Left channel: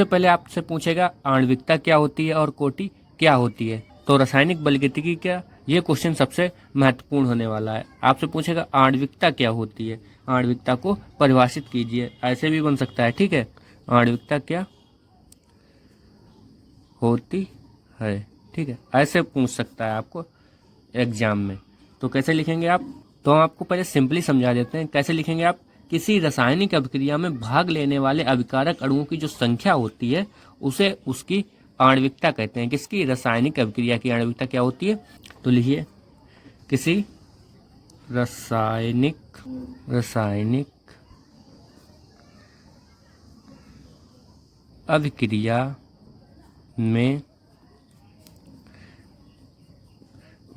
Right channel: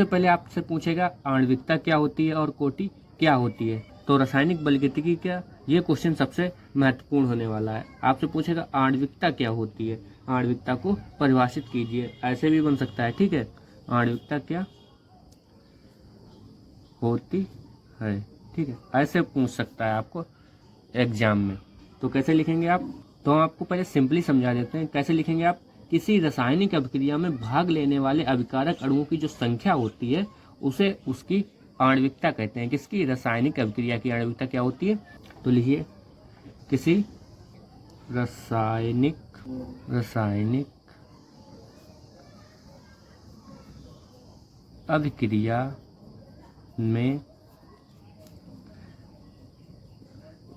सबसे पहले आपसे पूछेगा आणविकता क्या होती है और कोटि क्या होती है। तो रासायनिक बलगतिकी क्या, ये क्वेश्चन सबसे महत्वपूर्ण होने वाला है। आपसे पूछेगा आणविकता क्या होती है, आणविकता को परिभाषित कीजिए, ऐसे भी बन सकता है, ठीक है। आणविकता क्या होती है, ठीक है, ऐसे पूछ सकता है आपको एग्जाम में। तो कैसे लिखेंगे आप, तो हम आपको पहले सिंपली समझा देते हैं कैसे लिखेंगे आप। किसी रासायनिक अभिक्रिया में भाग लेने वाले अभिकारक अणुओं की जो संख्या होती है उसे उसकी आणविकता कहते हैं। किसकी, रासायनिक अभिक्रिया की आणविकता क्या होती है। तो लिखिए, किसी रासायनिक अभिक्रिया में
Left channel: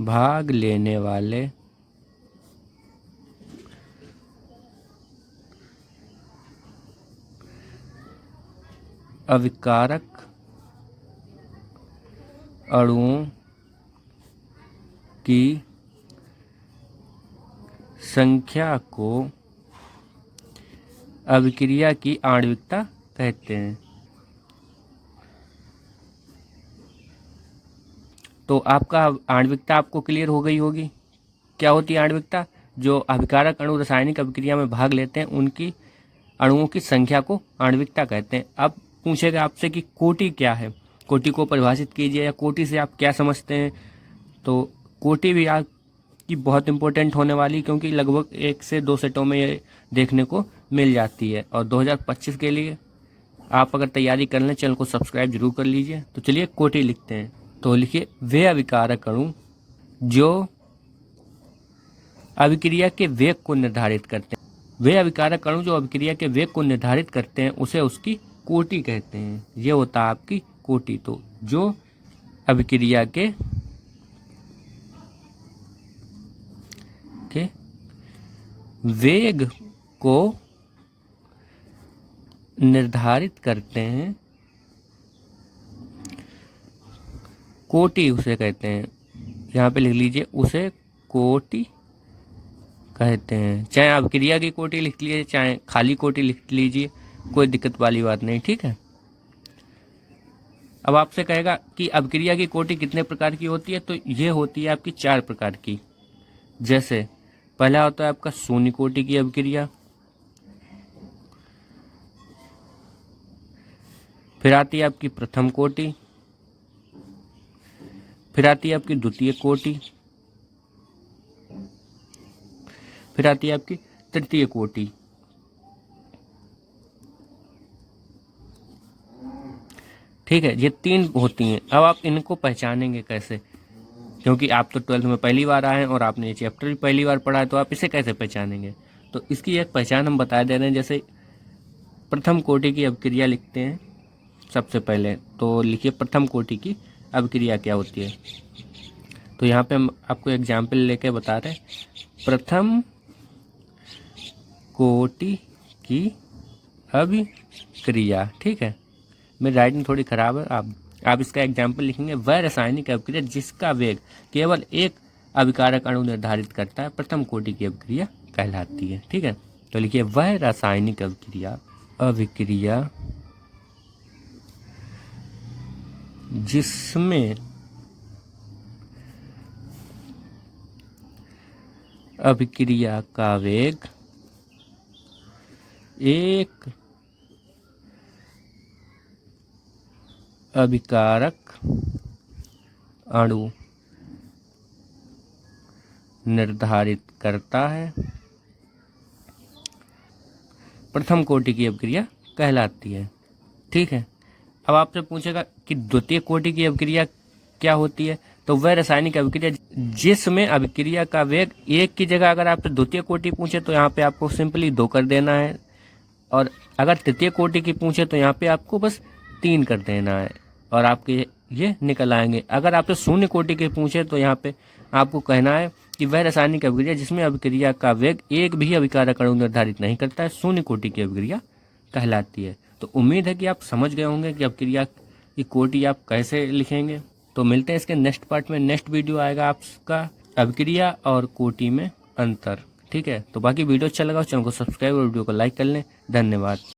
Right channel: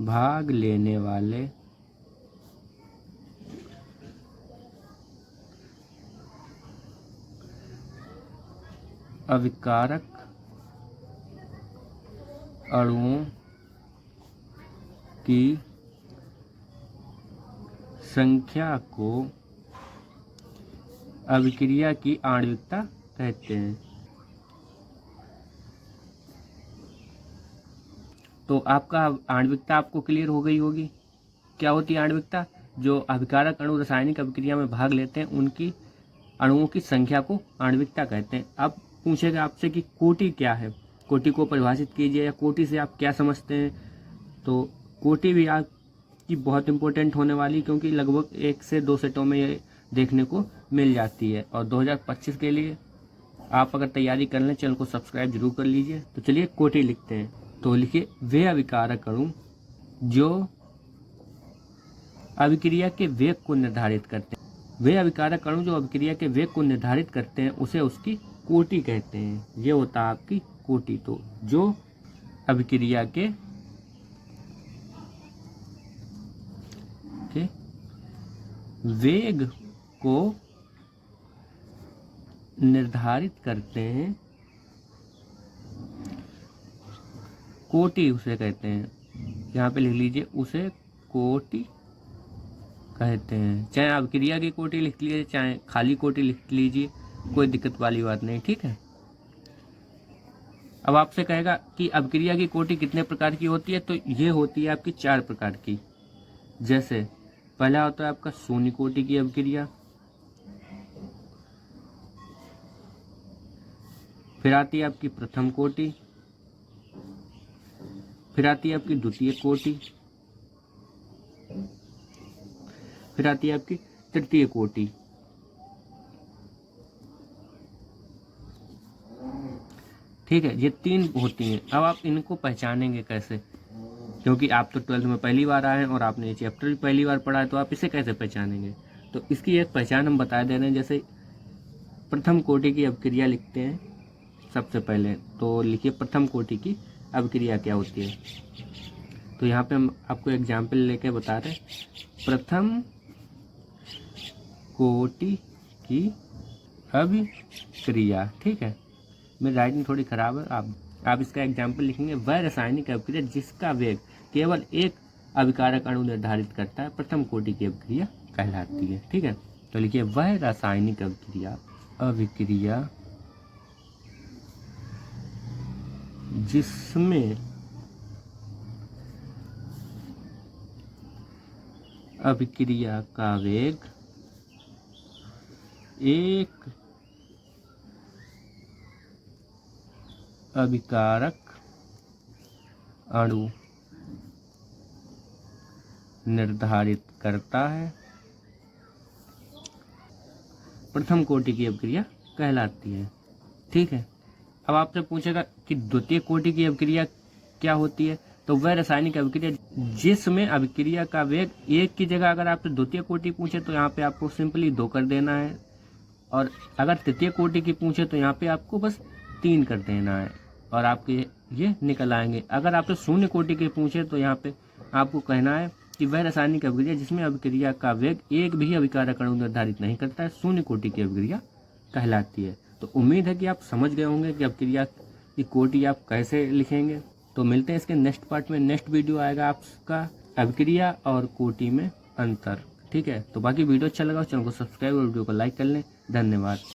भाग लेने वाले अभिकारक अणुओं की संख्या को अभिक्रिया की आणविकता कहते हैं। तो आपका आणविकता आपको क्लियर हो गई होगी। क्या होती है आणविकता, जो अभिकारक अणु रासायनिक अभिक्रिया में भाग लेते हैं उनकी अणुओं की संख्या को आणविकता कहते हैं। अब पूछेगा आपसे कि कोटि क्या है, कोटि को परिभाषित कीजिए, या कोटि से आप क्या समझते हैं। तो कोटि भी आपकी बहुत इंपॉर्टेंट होने वाली, क्योंकि लगभग 1 से 2 सेटों में ये देखने को मिल जाती है। और 2025 के लिए आप अगर तैयारी कर लें, चैनल को सब्सक्राइब जरूर कर लीजिए। तो चलिए कोटि लिखते हैं। तो लिखिए, वे अभिकारक अणु जो अभिक्रिया के वेग को निर्धारित करते हैं, वे अभिकारक अणु जो अभिक्रिया के वेग को निर्धारित करते हैं उसे उसकी कोटि कहते हैं। ये होता है आपकी कोटि। तो जो अभिक्रिया के वेग को निर्धारित करते हैं, कोटि उसे कहते हैं। यहाँ पे लिख लीजिए, उसे कोटि कहते हैं। चाहे अभिक्रिया की कोटि लिख लीजिए, चाहे खाली कोटि लिख लीजिए, कोई दिक्कत वाली बात नहीं, ठीक है। अब आपसे कहेगा कि अभिक्रिया की कोटि कितने प्रकार की होती है। तो ये होती है आपकी 4 प्रकार की। जैसे पहला होता है आपका शून्य कोटि की अभिक्रिया, फिर आती है आपकी प्रथम कोटि, फिर आती है आपकी द्वितीय कोटि, फिर आती है आपकी तृतीय कोटि। ठीक है, ये 3 होती हैं। अब आप इनको पहचानेंगे कैसे, क्योंकि आप तो 12th में पहली बार आए हैं और आपने ये चैप्टर भी पहली बार पढ़ा है, तो आप इसे कैसे पहचानेंगे। तो इसकी एक पहचान हम बता दे रहे हैं। जैसे प्रथम कोटि की अभिक्रिया लिखते हैं सबसे पहले। तो लिखिए, प्रथम कोटि की अभिक्रिया क्या होती है। तो यहाँ पे हम आपको एग्जाम्पल लेके बता रहे हैं, प्रथम कोटि की अभिक्रिया। ठीक है, मेरी राइटिंग थोड़ी ख़राब है, आप इसका एग्जाम्पल लिखेंगे, वह रासायनिक अभिक्रिया जिसका वेग केवल एक अभिकारक अणु निर्धारित करता है, प्रथम कोटि की अभिक्रिया कहलाती है। ठीक है, तो लिखिए, वह रासायनिक अभिक्रिया जिसमें अभिक्रिया का वेग एक अभिकारक अणु निर्धारित करता है, प्रथम कोटि की अभिक्रिया कहलाती है। ठीक है, अब आपसे पूछेगा कि द्वितीय कोटि की अभिक्रिया क्या होती है। तो वह रासायनिक अभिक्रिया जिसमें अभिक्रिया का वेग एक की जगह अगर आपसे द्वितीय कोटि पूछे तो यहाँ पे आपको सिंपली 2 कर देना है, और अगर तृतीय कोटि की पूछे तो यहाँ पे आपको बस 3 कर देना है, और आपके ये निकल आएंगे। अगर आपसे शून्य कोटि के पूछे तो यहाँ पे आपको कहना है कि वह रासायनिक अभिक्रिया जिसमें अभिक्रिया का वेग एक भी अभिकारक अणु निर्धारित नहीं करता है, शून्य कोटि की अभिक्रिया कहलाती है। तो उम्मीद है कि आप समझ गए होंगे कि अभिक्रिया की कोटि आप कैसे लिखेंगे। तो मिलते हैं इसके नेक्स्ट पार्ट में। नेक्स्ट वीडियो आएगा आपका अभिक्रिया और कोटि में अंतर। ठीक है, तो बाकी वीडियो अच्छा लगा चैनल को सब्सक्राइब और वीडियो को लाइक कर लें। धन्यवाद।